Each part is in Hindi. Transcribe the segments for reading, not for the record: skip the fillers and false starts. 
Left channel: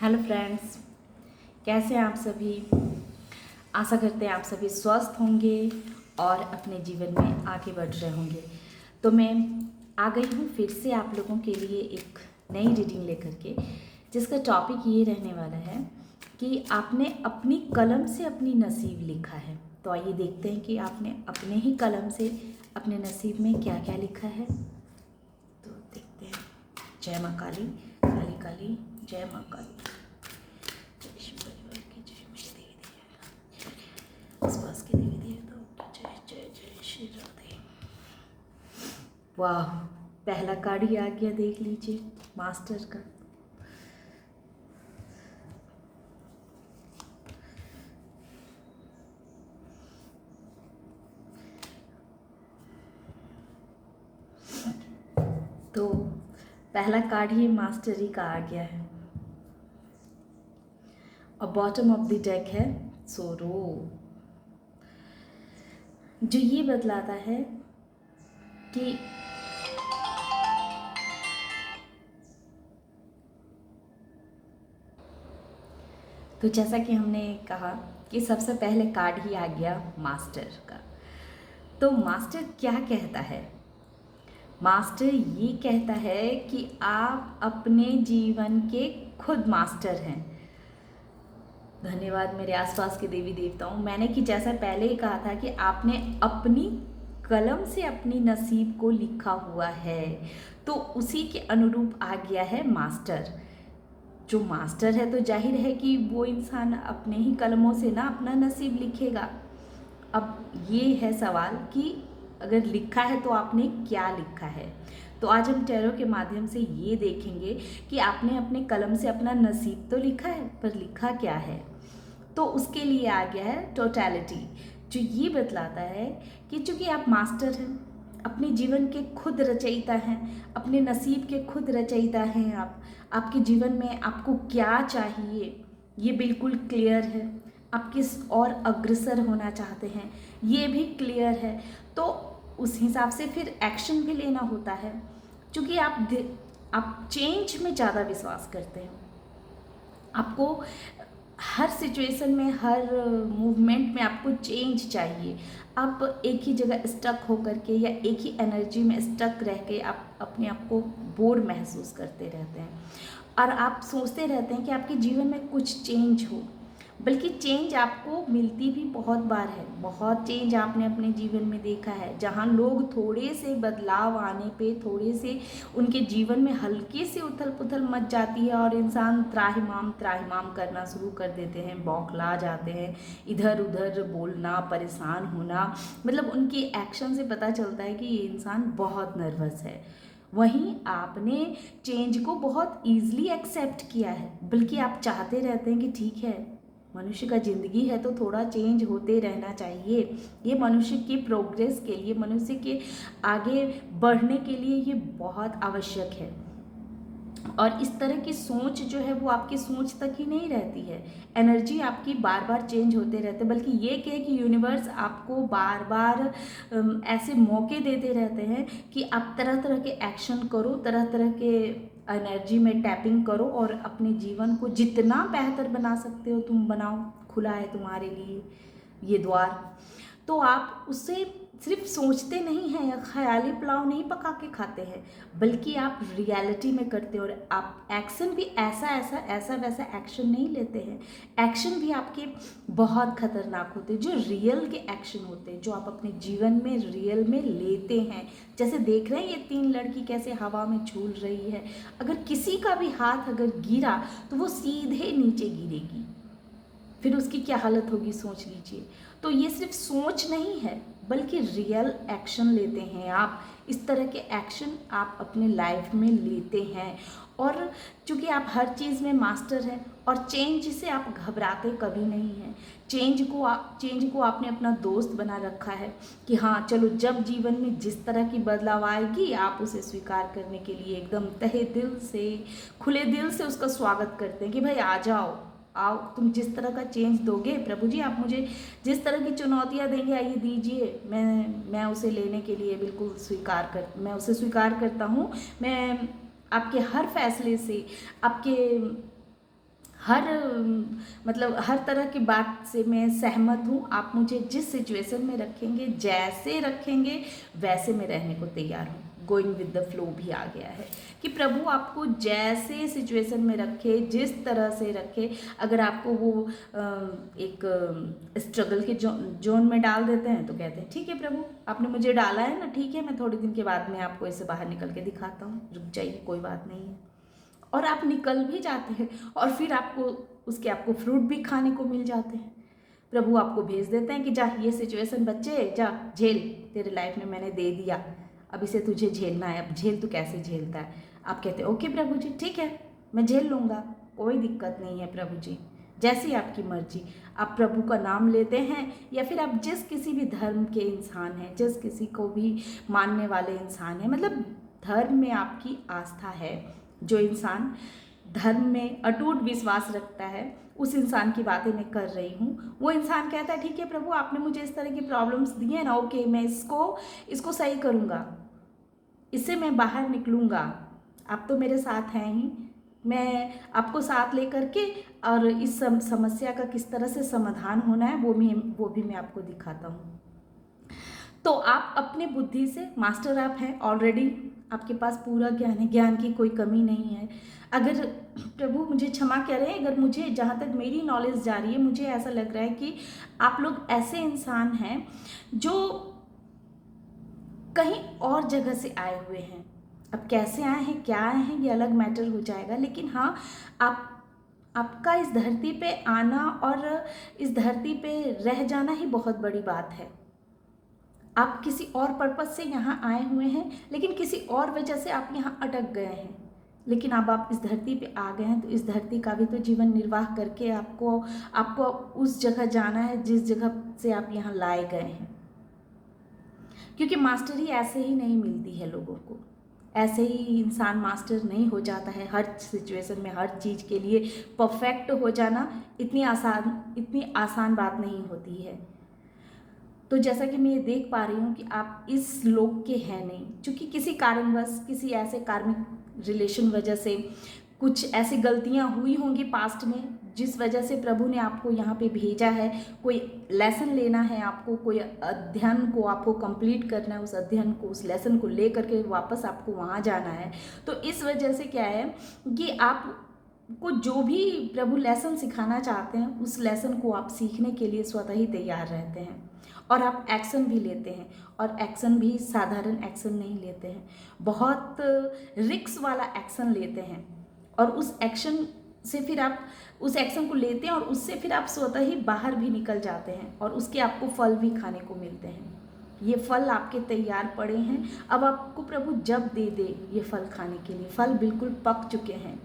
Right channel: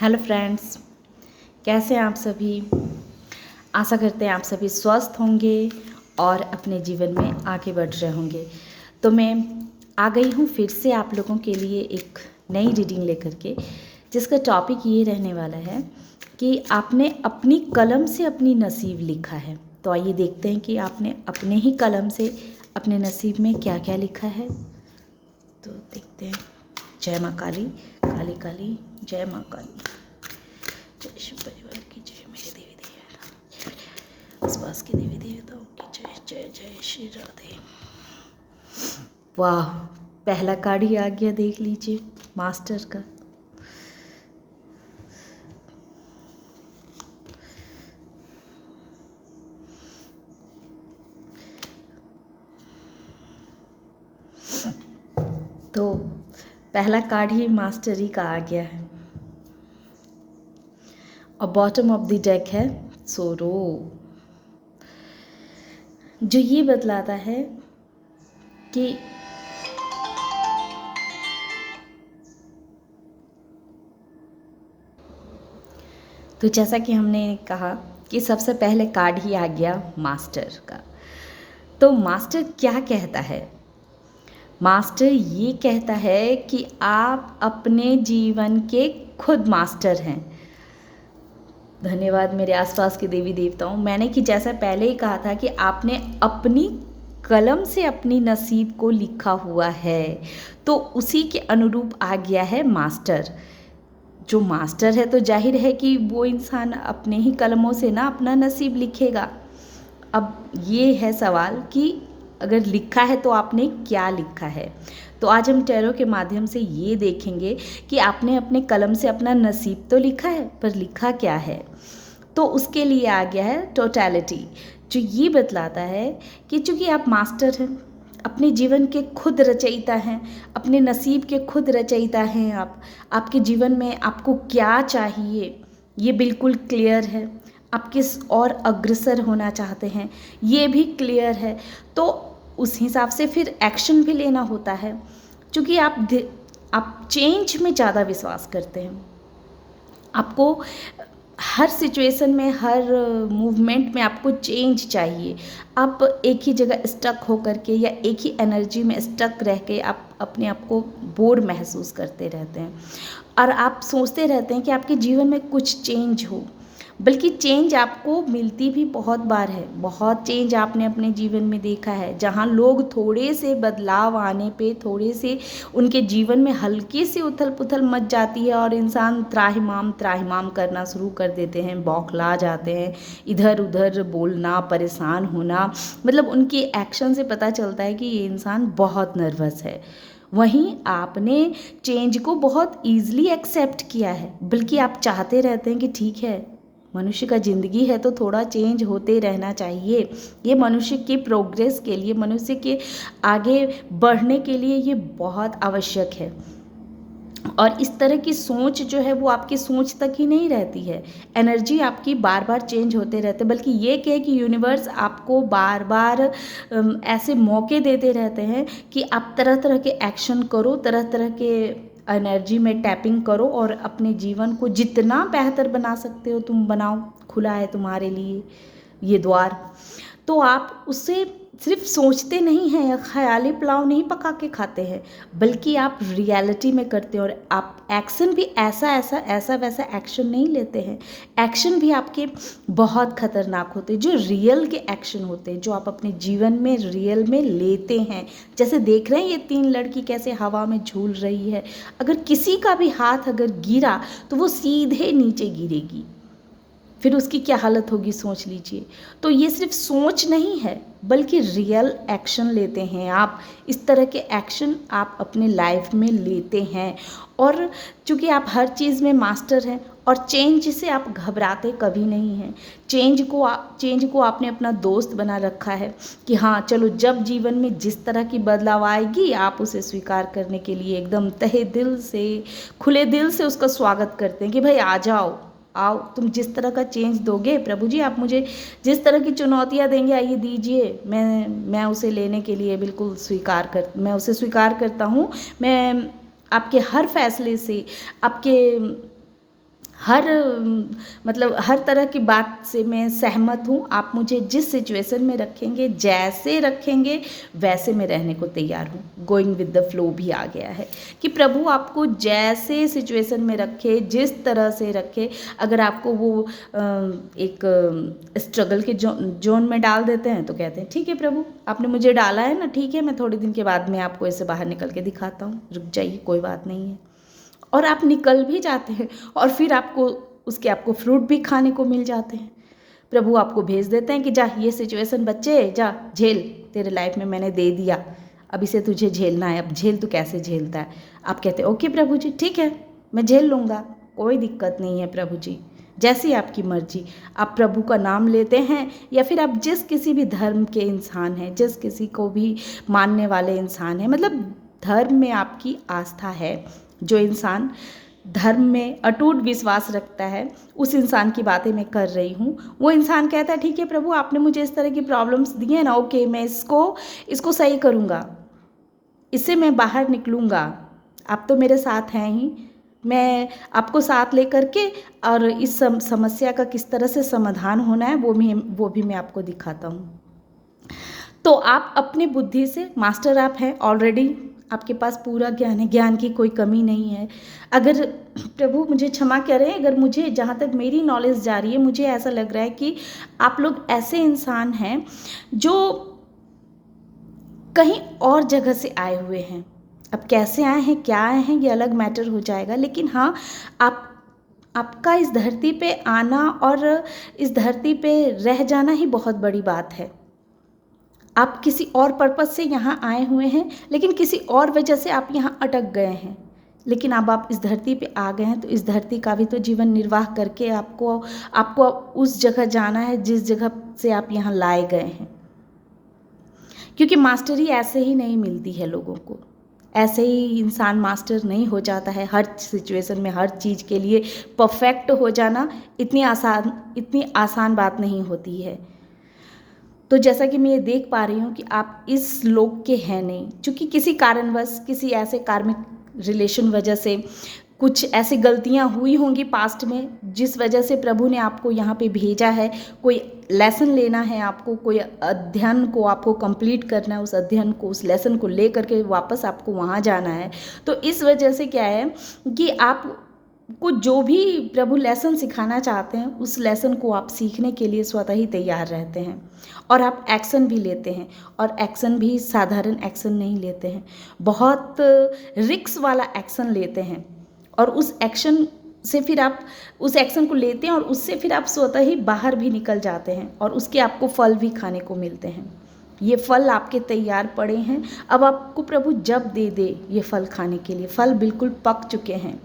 हेलो फ्रेंड्स, कैसे हैं आप सभी। आशा करते हैं आप सभी स्वस्थ होंगे और अपने जीवन में आगे बढ़ रहे होंगे। तो मैं आ गई हूँ फिर से आप लोगों के लिए एक नई रीडिंग लेकर के, जिसका टॉपिक ये रहने वाला है कि आपने अपनी कलम से अपनी नसीब लिखा है। तो आइए देखते हैं कि आपने अपने ही कलम से अपने नसीब में क्या क्या लिखा है। तो देखते हैं। जय माँ काली, काली काली, जय माँ काली, जय शिव परिवार की जय, मेरे देवी देवता, आसपास के देवी देवताओं की जय, जय जय श्री राधे। वाह, पहला कार्ड ही आ गया, देख लीजिए, मास्टर का। तो पहला कार्ड ही मास्टरी का आ गया है और बॉटम ऑफ द डेक है सोरो, जो ये बतलाता है कि तो जैसा कि हमने कहा कि सबसे पहले कार्ड ही आ गया मास्टर का। तो मास्टर क्या कहता है? मास्टर ये कहता है कि आप अपने जीवन के खुद मास्टर हैं। धन्यवाद मेरे आसपास के देवी देवताओं। मैंने कि जैसा पहले ही कहा था कि आपने अपनी कलम से अपनी नसीब को लिखा हुआ है, तो उसी के अनुरूप आ गया है मास्टर। जो मास्टर है तो जाहिर है कि वो इंसान अपने ही कलमों से ना अपना नसीब लिखेगा। अब ये है सवाल कि अगर लिखा है तो आपने क्या लिखा है। तो आज हम टैरो के माध्यम से ये देखेंगे कि आपने अपने कलम से अपना नसीब तो लिखा है, पर लिखा क्या है। तो उसके लिए आ गया है टोटलिटी, जो ये बतलाता है कि चूंकि आप मास्टर हैं, अपने जीवन के खुद रचयिता हैं, अपने नसीब के खुद रचयिता हैं। आप आपके जीवन में आपको क्या चाहिए ये बिल्कुल क्लियर है। आप किस और अग्रसर होना चाहते हैं ये भी क्लियर है। तो उस हिसाब से फिर एक्शन भी लेना होता है, क्योंकि आप चेंज में ज़्यादा विश्वास करते हैं। आपको हर सिचुएशन में, हर मूवमेंट में आपको चेंज चाहिए। आप एक ही जगह स्टक होकर के या एक ही एनर्जी में स्टक रह के आप अपने आप को बोर महसूस करते रहते हैं और आप सोचते रहते हैं कि आपके जीवन में कुछ चेंज हो। बल्कि चेंज आपको मिलती भी बहुत बार है। बहुत चेंज आपने अपने जीवन में देखा है, जहाँ लोग थोड़े से बदलाव आने पे, थोड़े से उनके जीवन में हल्की सी उथल पुथल मच जाती है और इंसान त्राहिमाम त्राहिमाम करना शुरू कर देते हैं, बौखला जाते हैं, इधर उधर बोलना, परेशान होना। मतलब उनकी एक्शन से पता चलता है कि ये इंसान बहुत नर्वस है। वहीं आपने चेंज को बहुत ईजिली एक्सेप्ट किया है, बल्कि आप चाहते रहते हैं कि ठीक है, मनुष्य का ज़िंदगी है तो थोड़ा चेंज होते रहना चाहिए। ये मनुष्य की प्रोग्रेस के लिए, मनुष्य के आगे बढ़ने के लिए ये बहुत आवश्यक है। और इस तरह की सोच जो है वो आपकी सोच तक ही नहीं रहती है, एनर्जी आपकी बार बार चेंज होते रहते, बल्कि ये कहे कि यूनिवर्स आपको बार बार ऐसे मौके देते रहते हैं कि आप तरह तरह के एक्शन करो, तरह तरह के एनर्जी में टैपिंग करो और अपने जीवन को जितना बेहतर बना सकते हो तुम बनाओ। खुला है तुम्हारे लिए ये द्वार। तो आप उससे सिर्फ सोचते नहीं हैं या ख्याली पुलाव नहीं पका के खाते हैं, बल्कि आप रियलिटी में करते हैं। और आप एक्शन भी ऐसा ऐसा ऐसा वैसा एक्शन नहीं लेते हैं। एक्शन भी आपके बहुत खतरनाक होते हैं, जो रियल के एक्शन होते हैं, जो आप अपने जीवन में रियल में लेते हैं। जैसे देख रहे हैं ये 3 लड़की कैसे हवा में झूल रही है। अगर किसी का भी हाथ अगर गिरा तो वो सीधे नीचे गिरेगी, फिर उसकी क्या हालत होगी सोच लीजिए। तो ये सिर्फ सोच नहीं है, बल्कि रियल एक्शन लेते हैं आप। इस तरह के एक्शन आप अपने लाइफ में लेते हैं। और चूँकि आप हर चीज़ में मास्टर हैं और चेंज से आप घबराते कभी नहीं हैं। चेंज को आपने अपना दोस्त बना रखा है कि हाँ चलो, जब जीवन में जिस तरह की बदलाव आएगी आप उसे स्वीकार करने के लिए एकदम तहे दिल से, खुले दिल से उसका स्वागत करते हैं कि भाई आ जाओ, आओ, तुम जिस तरह का चेंज दोगे प्रभु जी, आप मुझे जिस तरह की चुनौतियाँ देंगे आइए दीजिए, मैं उसे लेने के लिए बिल्कुल मैं उसे स्वीकार करता हूँ। मैं आपके हर फैसले से, आपके हर मतलब हर तरह की बात से मैं सहमत हूँ। आप मुझे जिस सिचुएशन में रखेंगे, जैसे रखेंगे, वैसे मैं रहने को तैयार हूँ। गोइंग विद द फ्लो भी आ गया है कि प्रभु आपको जैसे सिचुएशन में रखे, जिस तरह से रखे। अगर आपको वो एक स्ट्रगल के जोन में डाल देते हैं तो कहते हैं ठीक है प्रभु, आपने मुझे डाला है ना, ठीक है, मैं थोड़े दिन के बाद में आपको इससे बाहर निकल के दिखाता हूँ, रुक जाइए, कोई बात नहीं है। और आप निकल भी जाते हैं और फिर आपको फ्रूट भी खाने को मिल जाते हैं। प्रभु आपको भेज देते हैं कि जा, ये सिचुएशन बच्चे जा झेल, तेरे लाइफ में मैंने दे दिया, अब इसे तुझे झेलना है, अब झेल, तू कैसे झेलता है। आप कहते हैं ओके प्रभु जी, ठीक है, मैं झेल लूँगा, कोई दिक्कत नहीं है प्रभु जी, जैसी आपकी मर्जी। आप प्रभु का नाम लेते हैं या फिर आप जिस किसी भी धर्म के इंसान हैं, जिस किसी को भी मानने वाले इंसान हैं, मतलब धर्म में आपकी आस्था है, जो इंसान धर्म में अटूट विश्वास रखता है, उस इंसान की बातें मैं कर रही हूँ। वो इंसान कहता है ठीक है प्रभु, आपने मुझे इस तरह की प्रॉब्लम्स दी हैं ना, ओके, मैं इसको सही करूँगा, इससे मैं बाहर निकलूँगा, आप तो मेरे साथ हैं ही, मैं आपको साथ लेकर के और इस समस्या का किस तरह से समाधान होना है वो भी मैं आपको दिखाता हूँ। तो आप अपनी बुद्धि से मास्टर आप हैं ऑलरेडी, आपके पास पूरा ज्ञान है, ज्ञान की कोई कमी नहीं है। अगर प्रभु मुझे क्षमा करें, अगर मुझे, जहाँ तक मेरी नॉलेज जा रही है, मुझे ऐसा लग रहा है कि आप लोग ऐसे इंसान हैं जो कहीं और जगह से आए हुए हैं। अब कैसे आए हैं, क्या आए हैं, ये अलग मैटर हो जाएगा, लेकिन हाँ, आपका इस धरती पे आना और इस धरती पे रह जाना ही बहुत बड़ी बात है। आप किसी और पर्पज़ से यहाँ आए हुए हैं, लेकिन किसी और वजह से आप यहाँ अटक गए हैं, लेकिन अब आप इस धरती पे आ गए हैं, तो इस धरती का भी तो जीवन निर्वाह करके आपको उस जगह जाना है जिस जगह से आप यहाँ लाए गए हैं। क्योंकि मास्टरी ऐसे ही नहीं मिलती है लोगों को, ऐसे ही इंसान मास्टर नहीं हो जाता है। हर सिचुएशन में, हर चीज़ के लिए परफेक्ट हो जाना इतनी आसान बात नहीं होती है। तो जैसा कि मैं ये देख पा रही हूँ कि आप इस लोक के हैं नहीं, क्योंकि किसी कारणवश, किसी ऐसे कार्मिक रिलेशन वजह से कुछ ऐसी गलतियाँ हुई होंगी पास्ट में, जिस वजह से प्रभु ने आपको यहाँ पे भेजा है। कोई लेसन लेना है आपको, कोई अध्ययन को आपको कंप्लीट करना है, उस अध्ययन को, उस लेसन को ले करके वापस आपको वहाँ जाना है। तो इस वजह से क्या है कि आपको जो भी प्रभु लेसन सिखाना चाहते हैं, उस लेसन को आप सीखने के लिए स्वतः ही तैयार रहते हैं और आप एक्शन भी लेते हैं। और एक्शन भी साधारण एक्शन नहीं लेते हैं, बहुत रिस्क वाला एक्शन लेते हैं। और उस एक्शन से फिर आप उस एक्शन को लेते हैं और उससे फिर आप स्वतः ही बाहर भी निकल जाते हैं और उसके आपको फल भी खाने को मिलते हैं। ये फल आपके तैयार पड़े हैं, अब आपको प्रभु जब दे दे ये फल खाने के लिए, फल बिल्कुल पक चुके हैं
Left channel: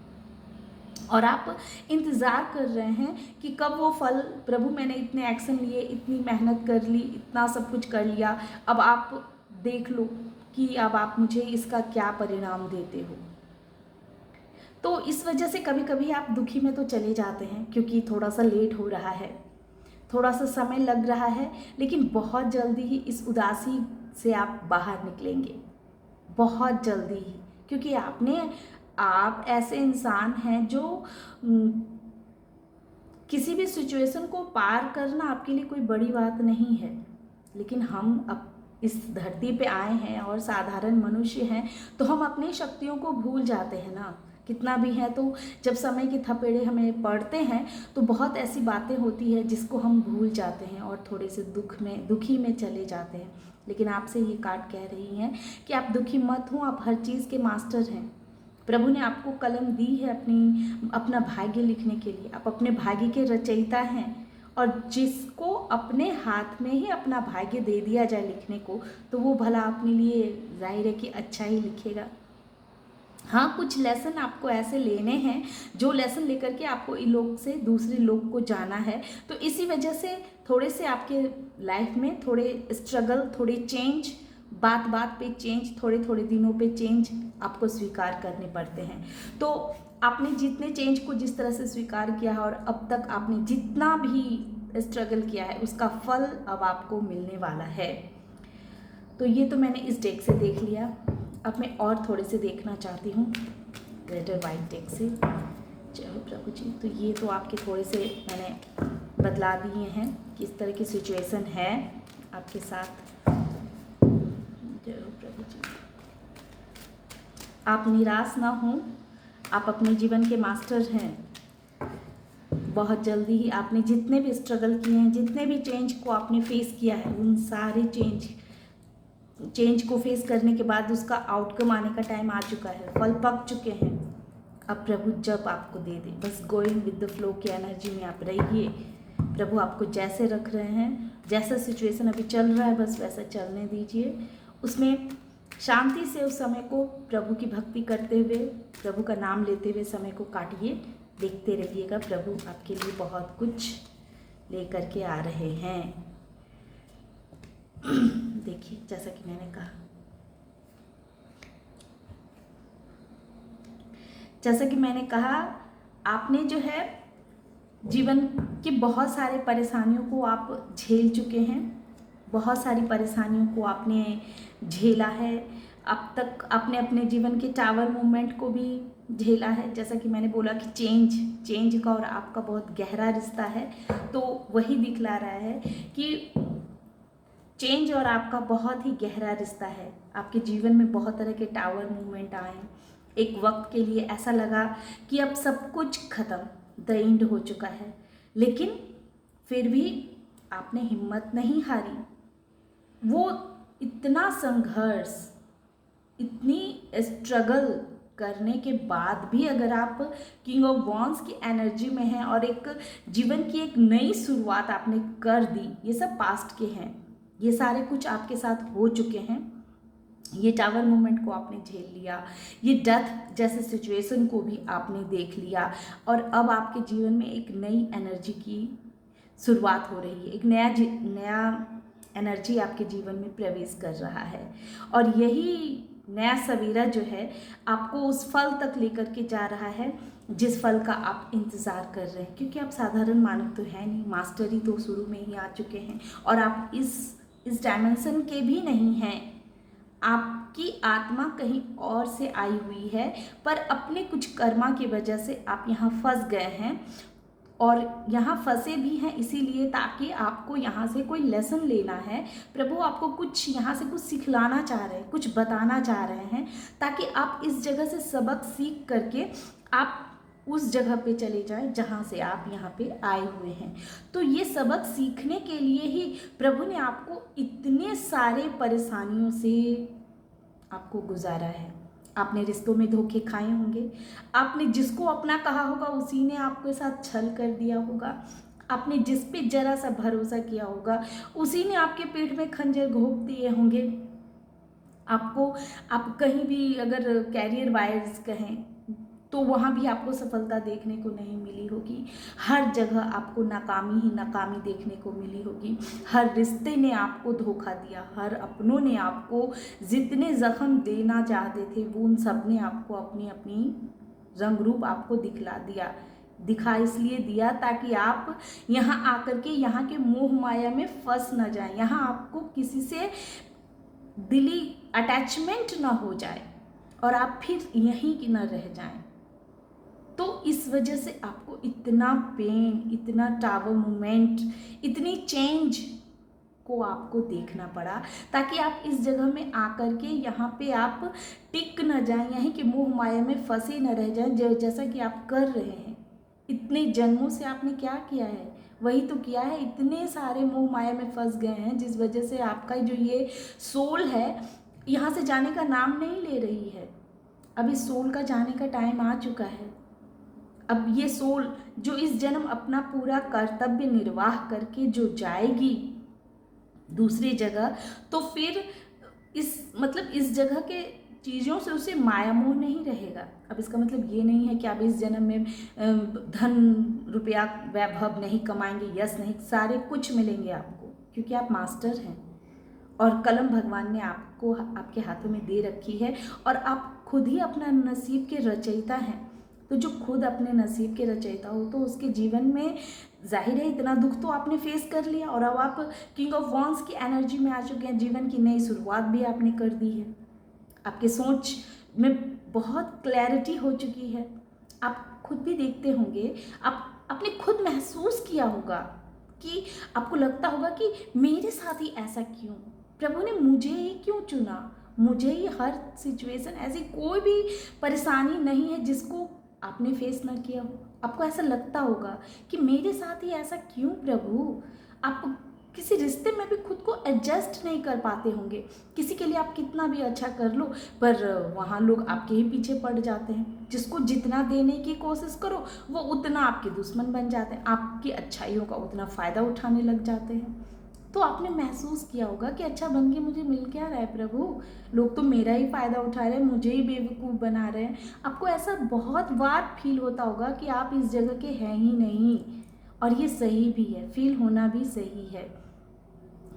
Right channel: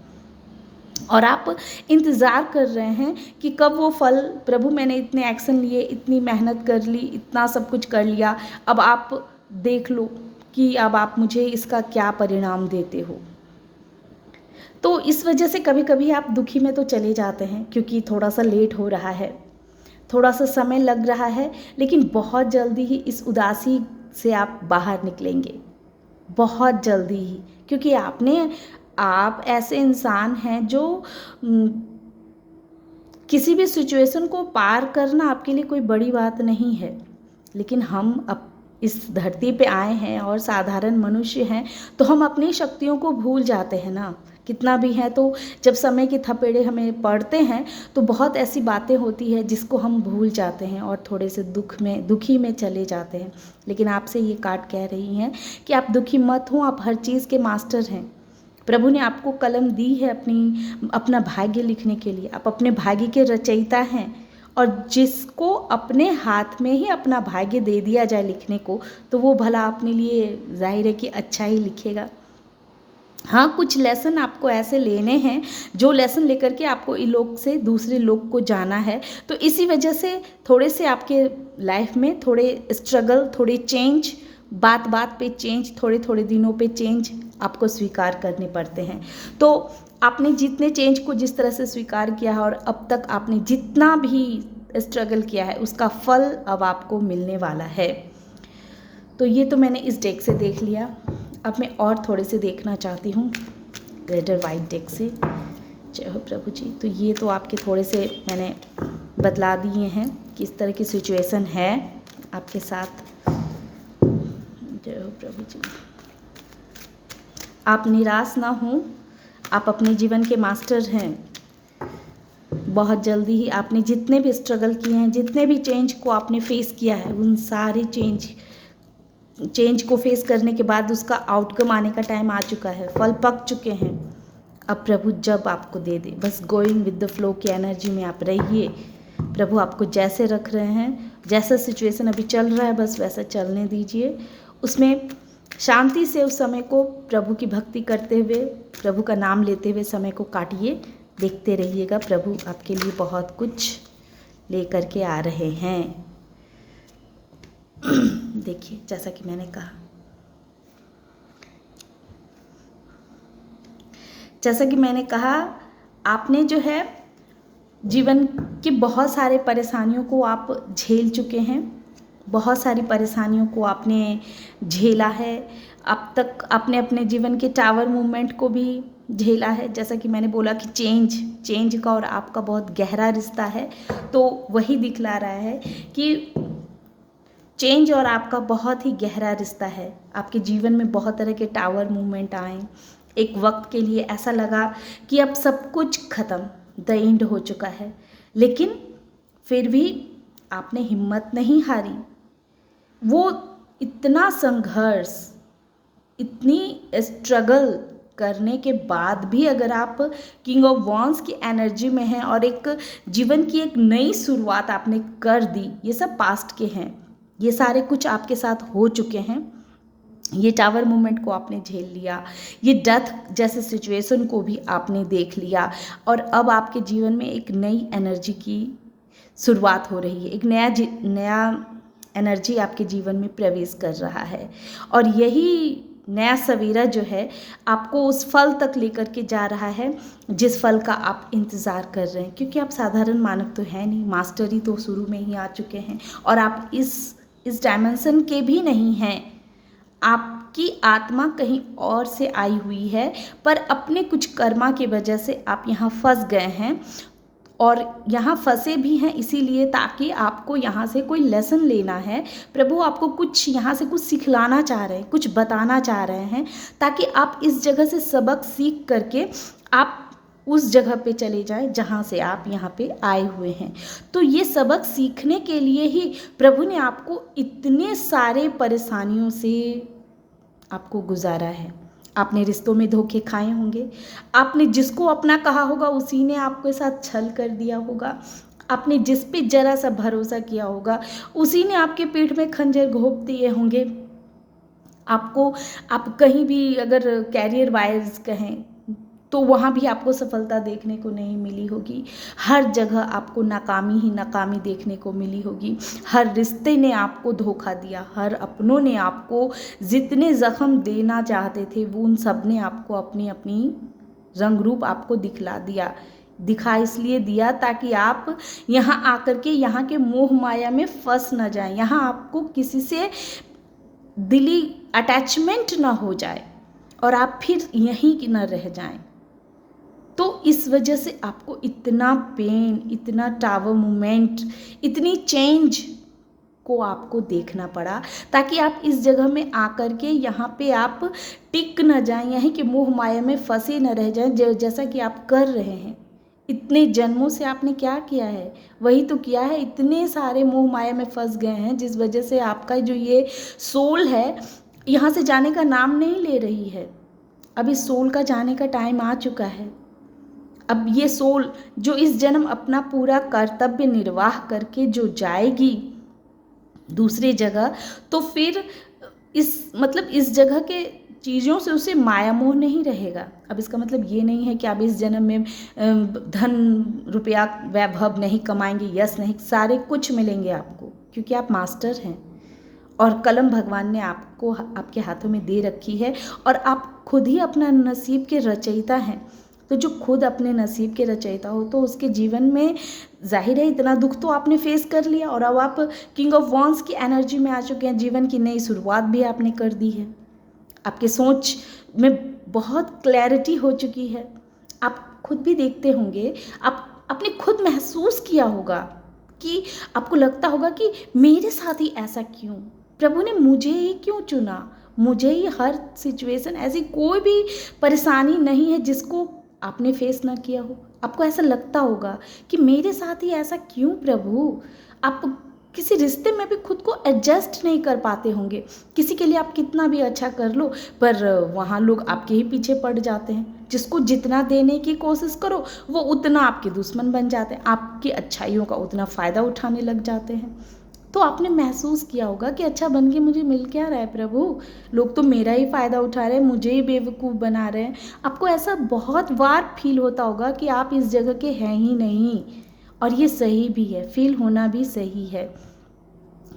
और आप इंतज़ार कर रहे हैं कि कब वो फल, प्रभु मैंने इतने एक्शन लिए, इतनी मेहनत कर ली, इतना सब कुछ कर लिया, अब आप देख लो कि अब आप मुझे इसका क्या परिणाम देते हो। तो इस वजह से कभी कभी आप दुखी में तो चले जाते हैं, क्योंकि थोड़ा सा लेट हो रहा है, थोड़ा सा समय लग रहा है, लेकिन बहुत जल्दी ही इस उदासी से आप बाहर निकलेंगे, बहुत जल्दी ही। क्योंकि आप ऐसे इंसान हैं जो किसी भी सिचुएशन को पार करना आपके लिए कोई बड़ी बात नहीं है, लेकिन हम अब इस धरती पे आए हैं और साधारण मनुष्य हैं, तो हम अपनी शक्तियों को भूल जाते हैं ना, कितना भी है। तो जब समय के थपेड़े हमें पड़ते हैं तो बहुत ऐसी बातें होती है जिसको हम भूल जाते हैं और थोड़े से दुखी में चले जाते हैं। लेकिन आपसे ये कार्ड कह रही हैं कि आप दुखी मत हो, आप हर चीज़ के मास्टर हैं। प्रभु ने आपको कलम दी है अपना भाग्य लिखने के लिए, आप अपने भाग्य के रचयिता हैं। और जिसको अपने हाथ में ही अपना भाग्य दे दिया जाए लिखने को, तो वो भला अपने लिए जाहिर है कि अच्छा ही लिखेगा। हाँ, कुछ लेसन आपको ऐसे लेने हैं जो लेसन लेकर के आपको इस लोक से दूसरे लोक को जाना है। तो इसी वजह से थोड़े से आपके लाइफ में थोड़े स्ट्रगल, थोड़े चेंज, बात बात पे चेंज, थोड़े थोड़े दिनों पे चेंज आपको स्वीकार करने पड़ते हैं। तो आपने जितने चेंज को जिस तरह से स्वीकार किया है और अब तक आपने जितना भी स्ट्रगल किया है, उसका फल अब आपको मिलने वाला है। तो ये तो मैंने इस डेक से देख लिया। अब मैं और थोड़े से देखना चाहती हूँ रेड और वाइट डेक से। जय हो प्रभु जी। तो ये तो आपके थोड़े से मैंने बतला दिए हैं किस तरह की सिचुएशन है आपके साथ। जय हो प्रभु जी। आप निराश ना हो, आप अपने जीवन के मास्टर हैं। बहुत जल्दी ही आपने जितने भी स्ट्रगल किए हैं, जितने भी चेंज को आपने फेस किया है, उन सारे चेंज को फेस करने के बाद उसका आउटकम आने का टाइम आ चुका है, फल पक चुके हैं। अब प्रभु जब आपको दे दे, बस गोइंग विद द फ्लो की एनर्जी में आप रहिए। प्रभु आपको जैसे रख रहे हैं, जैसा सिचुएशन अभी चल रहा है बस वैसा चलने दीजिए। उसमें शांति से उस समय को प्रभु की भक्ति करते हुए, प्रभु का नाम लेते हुए समय को काटिए। देखते रहिएगा, प्रभु आपके लिए बहुत कुछ लेकर के आ रहे हैं। देखिए, जैसा कि मैंने कहा आपने जो है जीवन की बहुत सारे परेशानियों को आप झेल चुके हैं, बहुत सारी परेशानियों को आपने झेला है। अब तक आपने अपने जीवन के टावर मूवमेंट को भी झेला है। जैसा कि मैंने बोला कि चेंज का और आपका बहुत गहरा रिश्ता है, तो वही दिखला रहा है कि चेंज और आपका बहुत ही गहरा रिश्ता है। आपके जीवन में बहुत तरह के टावर मूवमेंट आए। एक वक्त के लिए ऐसा लगा कि अब सब कुछ खत्म, द एंड हो चुका है, लेकिन फिर भी आपने हिम्मत नहीं हारी। वो इतना संघर्ष, इतनी स्ट्रगल करने के बाद भी अगर आप किंग ऑफ वॉन्स की एनर्जी में हैं और एक जीवन की एक नई शुरुआत आपने कर दी, ये सब पास्ट के हैं, ये सारे कुछ आपके साथ हो चुके हैं। ये टावर मूवमेंट को आपने झेल लिया, ये डेथ जैसे सिचुएशन को भी आपने देख लिया, और अब आपके जीवन में एक नई एनर्जी की शुरुआत हो रही है। एक नया एनर्जी आपके जीवन में प्रवेश कर रहा है, और यही नया सवेरा जो है आपको उस फल तक लेकर के जा रहा है जिस फल का आप इंतज़ार कर रहे हैं। क्योंकि आप साधारण मानव तो है नहीं, मास्टर ही तो शुरू में ही आ चुके हैं, और आप इस डायमेंशन के भी नहीं हैं। आपकी आत्मा कहीं और से आई हुई है, पर अपने कुछ कर्मा की वजह से आप यहाँ फंस गए हैं, और यहाँ फंसे भी हैं इसीलिए ताकि आपको यहाँ से कोई लेसन लेना है। प्रभु आपको कुछ यहाँ से कुछ सिखलाना चाह रहे हैं, कुछ बताना चाह रहे हैं, ताकि आप इस जगह से सबक सीख करके आप उस जगह पे चले जाएं जहाँ से आप यहाँ पे आए हुए हैं। तो ये सबक सीखने के लिए ही प्रभु ने आपको इतने सारे परेशानियों से आपको गुजारा है। आपने रिश्तों में धोखे खाए होंगे, आपने जिसको अपना कहा होगा उसी ने आपके साथ छल कर दिया होगा, आपने जिस पे जरा सा भरोसा किया होगा उसी ने आपके पीठ में खंजर घोंप दिए होंगे। आप कहीं भी अगर कैरियर वाइज कहें तो वहाँ भी आपको सफलता देखने को नहीं मिली होगी। हर जगह आपको नाकामी ही नाकामी देखने को मिली होगी। हर रिश्ते ने आपको धोखा दिया, हर अपनों ने आपको जितने जख्म देना चाहते थे वो उन सब ने आपको अपनी अपनी रंग रूप आपको दिखा इसलिए दिया ताकि आप यहाँ आकर के यहाँ के मोह माया में फंस न जाएं, यहाँ आपको किसी से दिली अटैचमेंट ना हो जाए और आप फिर यहीं की न रह जाएं। तो इस वजह से आपको इतना पेन, इतना टावर मूवमेंट, इतनी चेंज को आपको देखना पड़ा, ताकि आप इस जगह में आकर के यहाँ पे आप टिक न जाएं, यहीं के मोह माया में फंसे न रह जाएं, जैसा कि आप कर रहे हैं। इतने जन्मों से आपने क्या किया है, वही तो किया है। इतने सारे मोह माया में फंस गए हैं जिस वजह से आपका जो ये सोल है यहाँ से जाने का नाम नहीं ले रही है। अब इस सोल का जाने का टाइम आ चुका है। अब ये सोल जो इस जन्म अपना पूरा कर्तव्य निर्वाह करके जो जाएगी दूसरी जगह, तो फिर इस जगह के चीज़ों से उसे माया मोह नहीं रहेगा। अब इसका मतलब ये नहीं है कि आप इस जन्म में धन रुपया वैभव नहीं कमाएंगे, यश नहीं, सारे कुछ मिलेंगे आपको, क्योंकि आप मास्टर हैं और कलम भगवान ने आपको आपके हाथों में दे रखी है, और आप खुद ही अपना नसीब के रचयिता हैं। तो जो खुद अपने नसीब के रचयिता हो तो उसके जीवन में जाहिर है इतना दुख तो आपने फेस कर लिया, और अब आप किंग ऑफ वॉन्स की एनर्जी में आ चुके हैं। जीवन की नई शुरुआत भी आपने कर दी है। आपके सोच में बहुत क्लैरिटी हो चुकी है। आप खुद भी देखते होंगे, आप आपने खुद महसूस किया होगा कि आपको लगता होगा कि मेरे साथ ही ऐसा क्यों? प्रभु ने मुझे ही क्यों चुना? मुझे ही हर सिचुएशन, ऐसी कोई भी परेशानी नहीं है जिसको आपने फेस ना किया हो। आपको ऐसा लगता होगा कि मेरे साथ ही ऐसा क्यों प्रभु? आप किसी रिश्ते में भी खुद को एडजस्ट नहीं कर पाते होंगे। किसी के लिए आप कितना भी अच्छा कर लो, पर वहाँ लोग आपके ही पीछे पड़ जाते हैं। जिसको जितना देने की कोशिश करो, वो उतना आपके दुश्मन बन जाते हैं, आपकी अच्छाइयों का उतना फ़ायदा उठाने लग जाते हैं। तो आपने महसूस किया होगा कि अच्छा बन के मुझे मिल क्या रहा है प्रभु? लोग तो मेरा ही फ़ायदा उठा रहे हैं, मुझे ही बेवकूफ़ बना रहे हैं। आपको ऐसा बहुत बार फील होता होगा कि आप इस जगह के हैं ही नहीं, और ये सही भी है, फील होना भी सही है।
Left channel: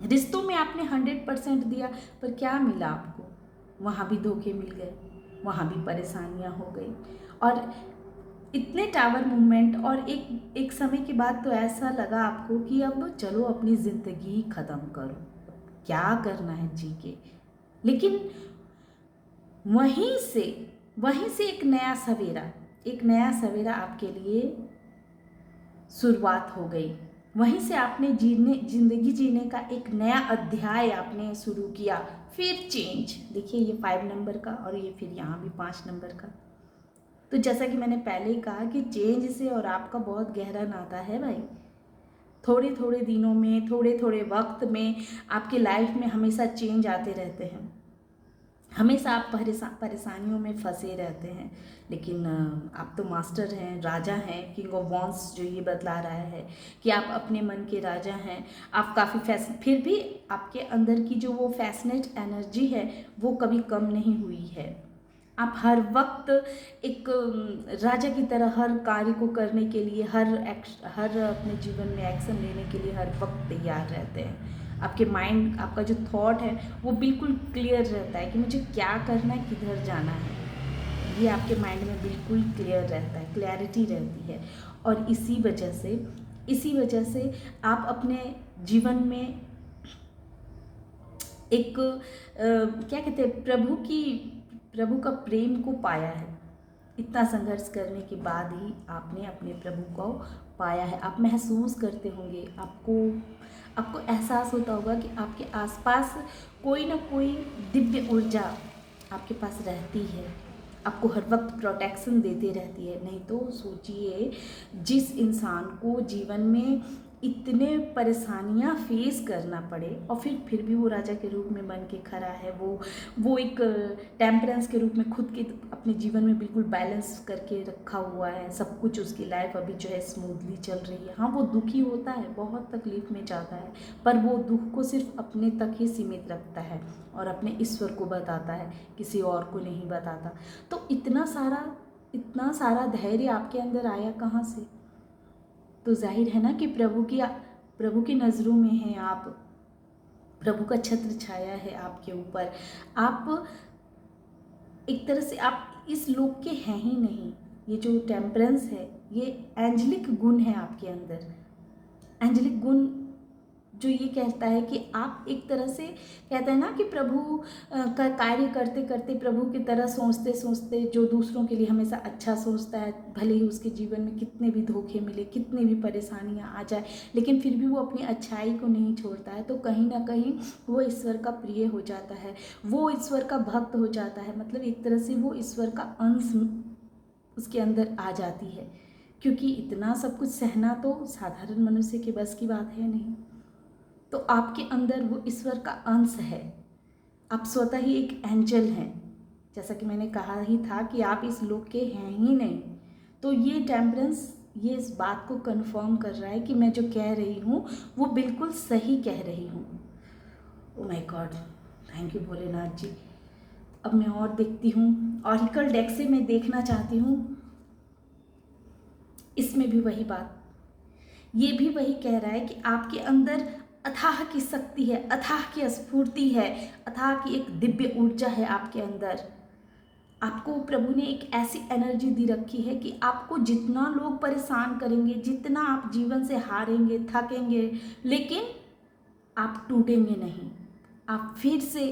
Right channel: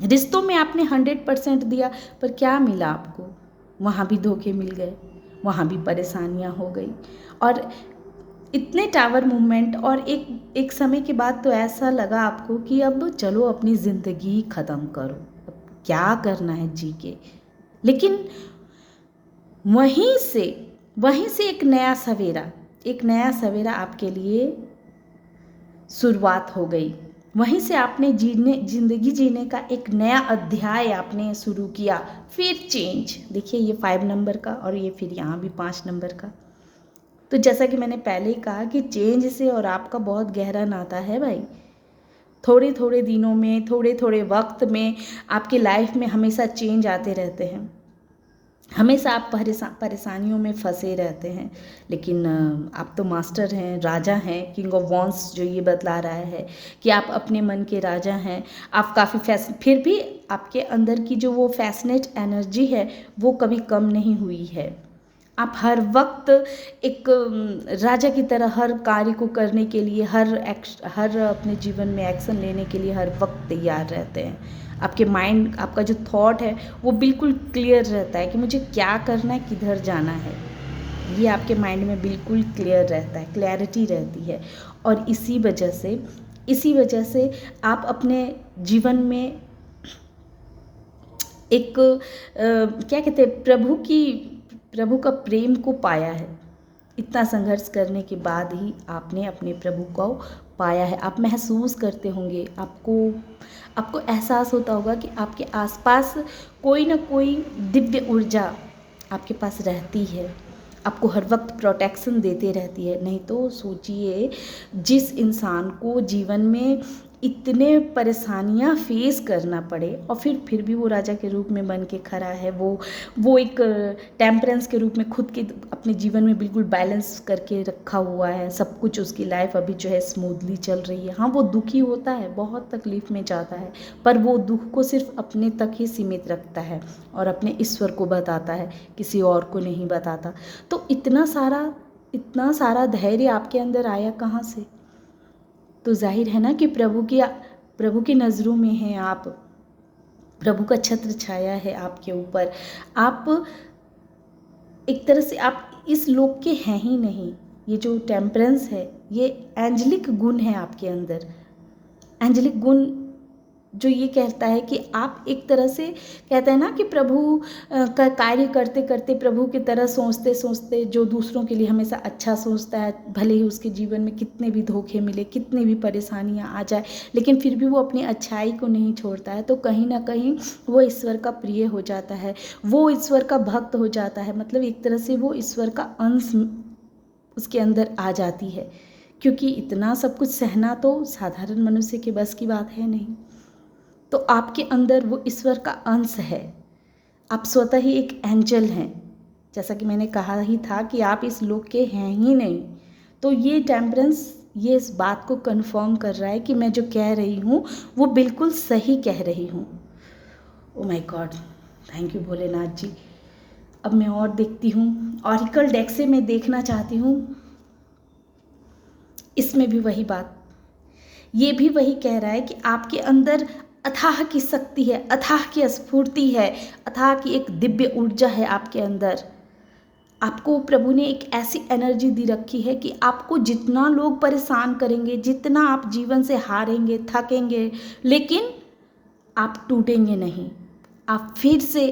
रिश्तों में आपने 100% दिया, पर क्या मिला आपको? वहाँ भी धोखे मिल गए, वहाँ भी परेशानियाँ हो गई, और इतने टावर मूवमेंट, और एक एक समय के बाद तो ऐसा लगा आपको कि अब चलो अपनी ज़िंदगी ख़त्म करो, अब क्या करना है जी के। लेकिन वहीं से एक नया सवेरा आपके लिए शुरुआत हो गई। वहीं से आपने ज़िंदगी जीने का एक नया अध्याय आपने शुरू किया। फिर चेंज, देखिए ये 5 नंबर का, और ये फिर यहाँ भी 5 नंबर का। तो जैसा कि मैंने पहले ही कहा कि चेंज से और आपका बहुत गहरा नाता है भाई। थोड़े थोड़े दिनों में, थोड़े थोड़े वक्त में आपकी लाइफ में हमेशा चेंज आते रहते हैं। हमेशा आप परेशानियों में फंसे रहते हैं, लेकिन आप तो मास्टर हैं, राजा हैं, किंग ऑफ वॉन्स जो ये बतला रहा है कि आप अपने मन के राजा हैं। आप काफ़ी फिर भी आपके अंदर की जो वो फैसिनेट एनर्जी है वो कभी कम नहीं हुई है। आप हर वक्त एक राजा की तरह हर कार्य को करने के लिए, हर अपने जीवन में एक्शन लेने के लिए हर वक्त तैयार रहते हैं। आपके माइंड, आपका जो थॉट है वो बिल्कुल क्लियर रहता है कि मुझे क्या करना है, किधर जाना है। ये आपके माइंड में बिल्कुल क्लियर रहता है, क्लैरिटी रहती है। और इसी वजह से आप अपने जीवन में एक क्या कहते हैं, प्रभु का प्रेम को पाया है। इतना संघर्ष करने के बाद ही आपने अपने प्रभु को पाया है। आप महसूस करते होंगे, आपको एहसास होता होगा कि आपके आसपास कोई ना कोई दिव्य ऊर्जा आपके पास रहती है, आपको हर वक्त प्रोटेक्शन देते रहती है। नहीं तो सोचिए, जिस इंसान को जीवन में इतने परेशानियां फेस करना पड़े और फिर भी वो राजा के रूप में बन के खड़ा है, वो एक टेम्परेंस के रूप में खुद के अपने जीवन में बिल्कुल बैलेंस करके रखा हुआ है। सब कुछ उसकी लाइफ अभी जो है स्मूथली चल रही है। हाँ, वो दुखी होता है, बहुत तकलीफ में जाता है, पर वो दुख को सिर्फ अपने तक ही सीमित रखता है और अपने ईश्वर को बताता है, किसी और को नहीं बताता। तो इतना सारा धैर्य आपके अंदर आया कहाँ से? तो जाहिर है ना कि प्रभु की नज़रों में हैं आप, प्रभु का छत्र छाया है आपके ऊपर। आप एक तरह से आप इस लोक के हैं ही नहीं। ये जो टेम्परेंस है, ये एंजलिक गुण है आपके अंदर। एंजलिक गुण जो ये कहता है कि आप एक तरह से, कहते हैं ना कि प्रभु का कार्य करते करते, प्रभु की तरह सोचते सोचते, जो दूसरों के लिए हमेशा अच्छा सोचता है, भले ही उसके जीवन में कितने भी धोखे मिले, कितनी भी परेशानियां आ जाए, लेकिन फिर भी वो अपनी अच्छाई को नहीं छोड़ता है, तो कहीं ना कहीं वो ईश्वर का प्रिय हो जाता है, वो ईश्वर का भक्त हो जाता है। मतलब एक तरह से वो ईश्वर का अंश उसके अंदर आ जाती है, क्योंकि इतना सब कुछ सहना तो साधारण मनुष्य के बस की बात है नहीं। तो आपके अंदर वो ईश्वर का अंश है, आप स्वतः ही एक एंजल हैं। जैसा कि मैंने कहा ही था कि आप इस लोक के हैं ही नहीं। तो ये टेम्परेंस ये इस बात को कंफर्म कर रहा है कि मैं जो कह रही हूँ वो बिल्कुल सही कह रही हूँ। Oh my God, thank you Bholenath ji. अब मैं और देखती हूँ, ऑरिकल डेक से मैं देखना चाहती हूँ। इसमें भी वही बात, ये भी वही कह रहा है कि आपके अंदर अथाह की शक्ति है, अथाह की स्फूर्ति है, अथाह की एक दिव्य ऊर्जा है आपके अंदर। आपको प्रभु ने एक ऐसी एनर्जी दी रखी है कि आपको जितना लोग परेशान करेंगे, जितना आप जीवन से हारेंगे, थकेंगे, लेकिन आप टूटेंगे नहीं। आप फिर से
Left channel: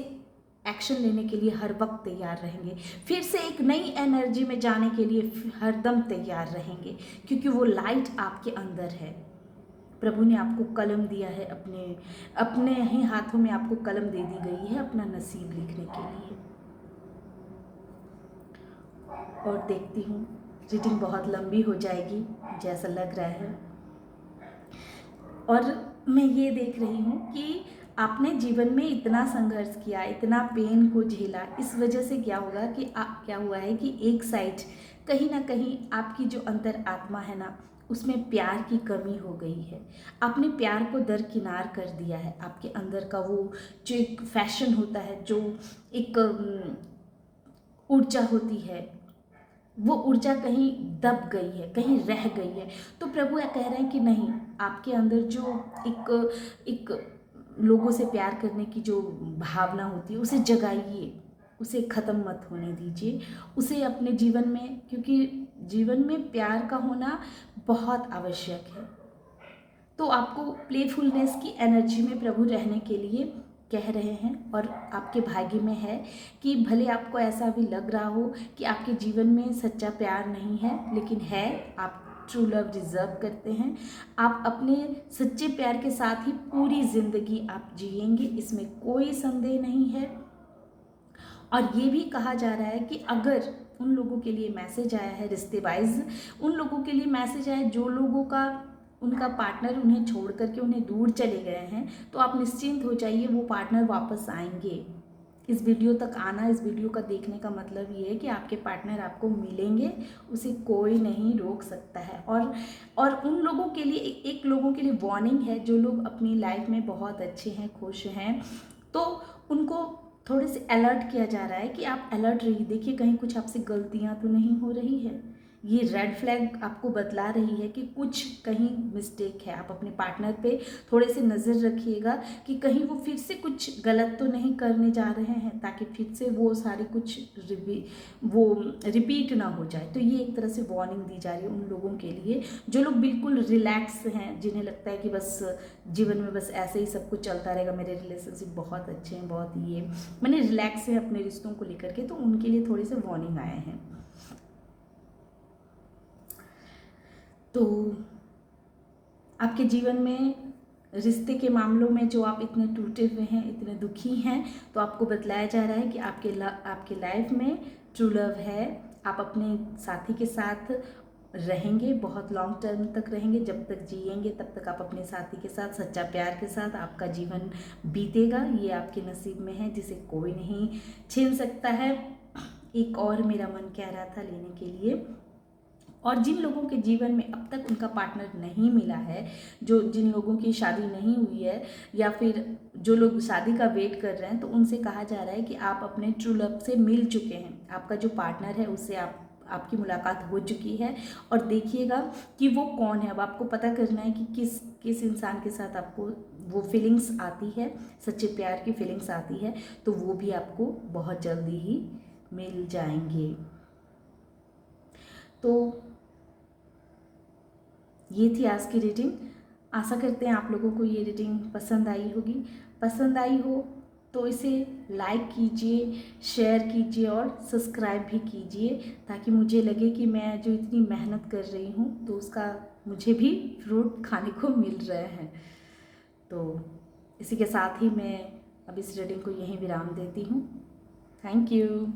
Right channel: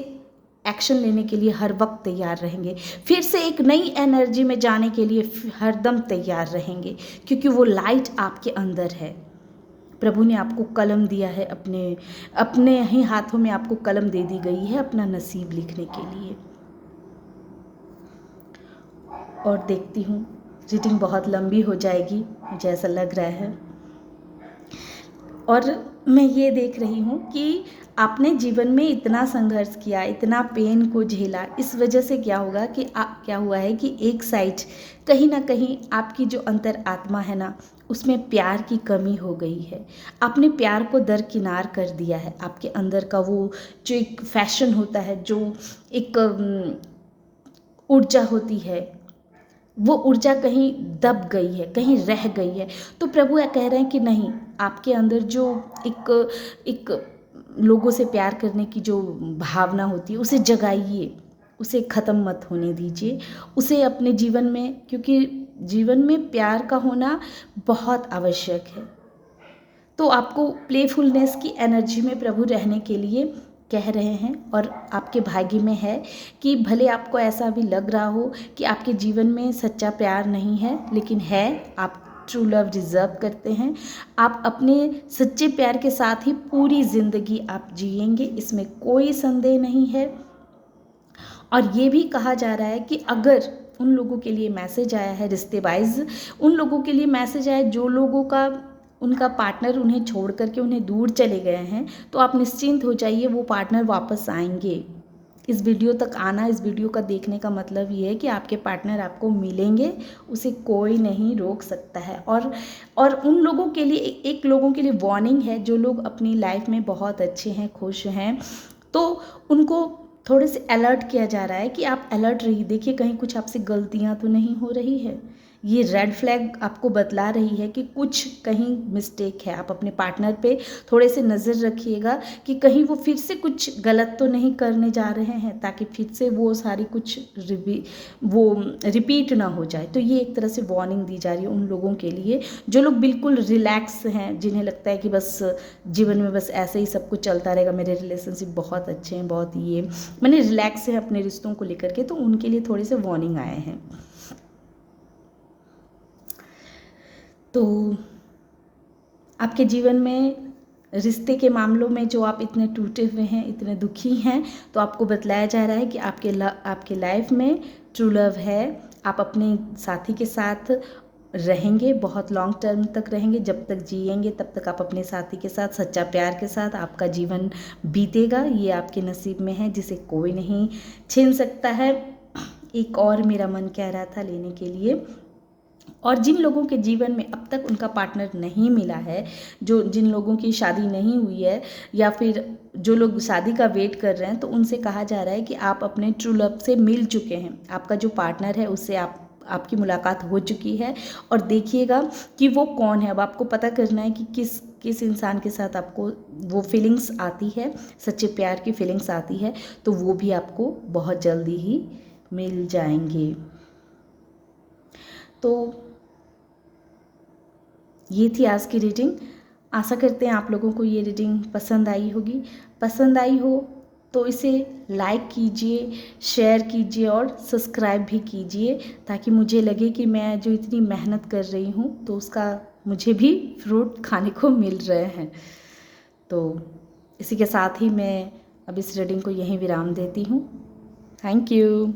एक्शन लेने के लिए हर वक्त तैयार रहेंगे, फिर से एक नई एनर्जी में जाने के लिए हरदम तैयार रहेंगे, क्योंकि वो लाइट आपके अंदर है। प्रभु ने आपको कलम दिया है, अपने अपने ही हाथों में आपको कलम दे दी गई है अपना नसीब लिखने के लिए। और देखती हूँ रीडिंग बहुत लंबी हो जाएगी, मुझे ऐसा लग रहा है। और मैं ये देख रही हूँ कि आपने जीवन में इतना संघर्ष किया, इतना पेन को झेला, इस वजह से क्या होगा कि क्या हुआ है कि एक साइड कहीं ना कहीं आपकी जो अंतर आत्मा है ना, उसमें प्यार की कमी हो गई है। आपने प्यार को दरकिनार कर दिया है। आपके अंदर का वो जो एक फैशन होता है, जो एक ऊर्जा होती है, वो ऊर्जा कहीं दब गई है, कहीं रह गई है। तो प्रभु कह रहे हैं कि नहीं, आपके अंदर जो एक लोगों से प्यार करने की जो भावना होती है, उसे जगाइए, उसे ख़त्म मत होने दीजिए, उसे अपने जीवन में, क्योंकि जीवन में प्यार का होना बहुत आवश्यक है। तो आपको प्लेफुलनेस की एनर्जी में प्रभु रहने के लिए कह रहे हैं। और आपके भाग्य में है कि भले आपको ऐसा भी लग रहा हो कि आपके जीवन में सच्चा प्यार नहीं है, लेकिन है, आप ट्रू लव डिज़र्व करते हैं। आप अपने सच्चे प्यार के साथ ही पूरी ज़िंदगी आप जिएंगे, इसमें कोई संदेह नहीं है। और ये भी कहा जा रहा है कि अगर उन लोगों के लिए मैसेज आया है, रिश्ते वाइज उन लोगों के लिए मैसेज आया जो लोगों का उनका पार्टनर उन्हें छोड़ करके उन्हें दूर चले गए हैं, तो आप निश्चिंत हो जाइए, वो पार्टनर वापस आएंगे। इस वीडियो तक आना, इस वीडियो का देखने का मतलब ये है कि आपके पार्टनर आपको मिलेंगे, उसे कोई नहीं रोक सकता है। और उन लोगों के लिए एक लोगों के लिए वार्निंग है, जो लोग अपनी लाइफ में बहुत अच्छे हैं, खुश हैं, तो उनको थोड़े से अलर्ट किया जा रहा है कि आप अलर्ट रहिए, देखिए कहीं कुछ आपसे गलतियां तो नहीं हो रही है। ये रेड फ्लैग आपको बतला रही है कि कुछ कहीं मिस्टेक है। आप अपने पार्टनर पे थोड़े से नज़र रखिएगा कि कहीं वो फिर से कुछ गलत तो नहीं करने जा रहे हैं, ताकि फिर से वो सारी कुछ रिपीट ना हो जाए। तो ये एक तरह से वार्निंग दी जा रही है उन लोगों के लिए जो लोग बिल्कुल रिलैक्स हैं, जिन्हें लगता है कि बस जीवन में बस ऐसे ही सब कुछ चलता रहेगा, मेरे रिलेशनशिप बहुत अच्छे हैं, बहुत ये मैंने रिलैक्स हैं अपने रिश्तों को लेकर के, तो उनके लिए थोड़े से वार्निंग आए हैं। तो आपके जीवन में रिश्ते के मामलों में जो आप इतने टूटे हुए हैं, इतने दुखी हैं, तो आपको बतलाया जा रहा है कि आपके लाइफ में ट्रू लव है। आप अपने साथी के साथ रहेंगे, बहुत लॉन्ग टर्म तक रहेंगे, जब तक जिएंगे तब तक आप अपने साथी के साथ सच्चा प्यार के साथ आपका जीवन बीतेगा। ये आपके नसीब में है, जिसे कोई नहीं छीन सकता है। एक और मेरा मन कह रहा था लेने के लिए। और जिन लोगों के जीवन में अब तक उनका पार्टनर नहीं मिला है, जिन लोगों की शादी नहीं हुई है, या फिर जो लोग शादी का वेट कर रहे हैं, तो उनसे कहा जा रहा है कि आप अपने ट्रू लव से मिल चुके हैं। आपका जो पार्टनर है उससे आपकी मुलाकात हो चुकी है, और देखिएगा कि वो कौन है। अब आपको पता करना है कि किस इंसान के साथ आपको वो फीलिंग्स आती है, सच्चे प्यार की फीलिंग्स आती है, तो वो भी आपको बहुत जल्दी ही मिल जाएंगे। तो ये थी आज की रीडिंग। आशा करते हैं आप लोगों को ये रीडिंग पसंद आई होगी। पसंद आई हो तो इसे लाइक कीजिए, शेयर कीजिए और सब्सक्राइब भी कीजिए, ताकि मुझे लगे कि मैं जो इतनी मेहनत कर रही हूँ तो उसका मुझे भी फ्रूट खाने को मिल रहे हैं। तो इसी के साथ ही मैं अब इस रीडिंग को यहीं विराम देती हूँ। Thank you.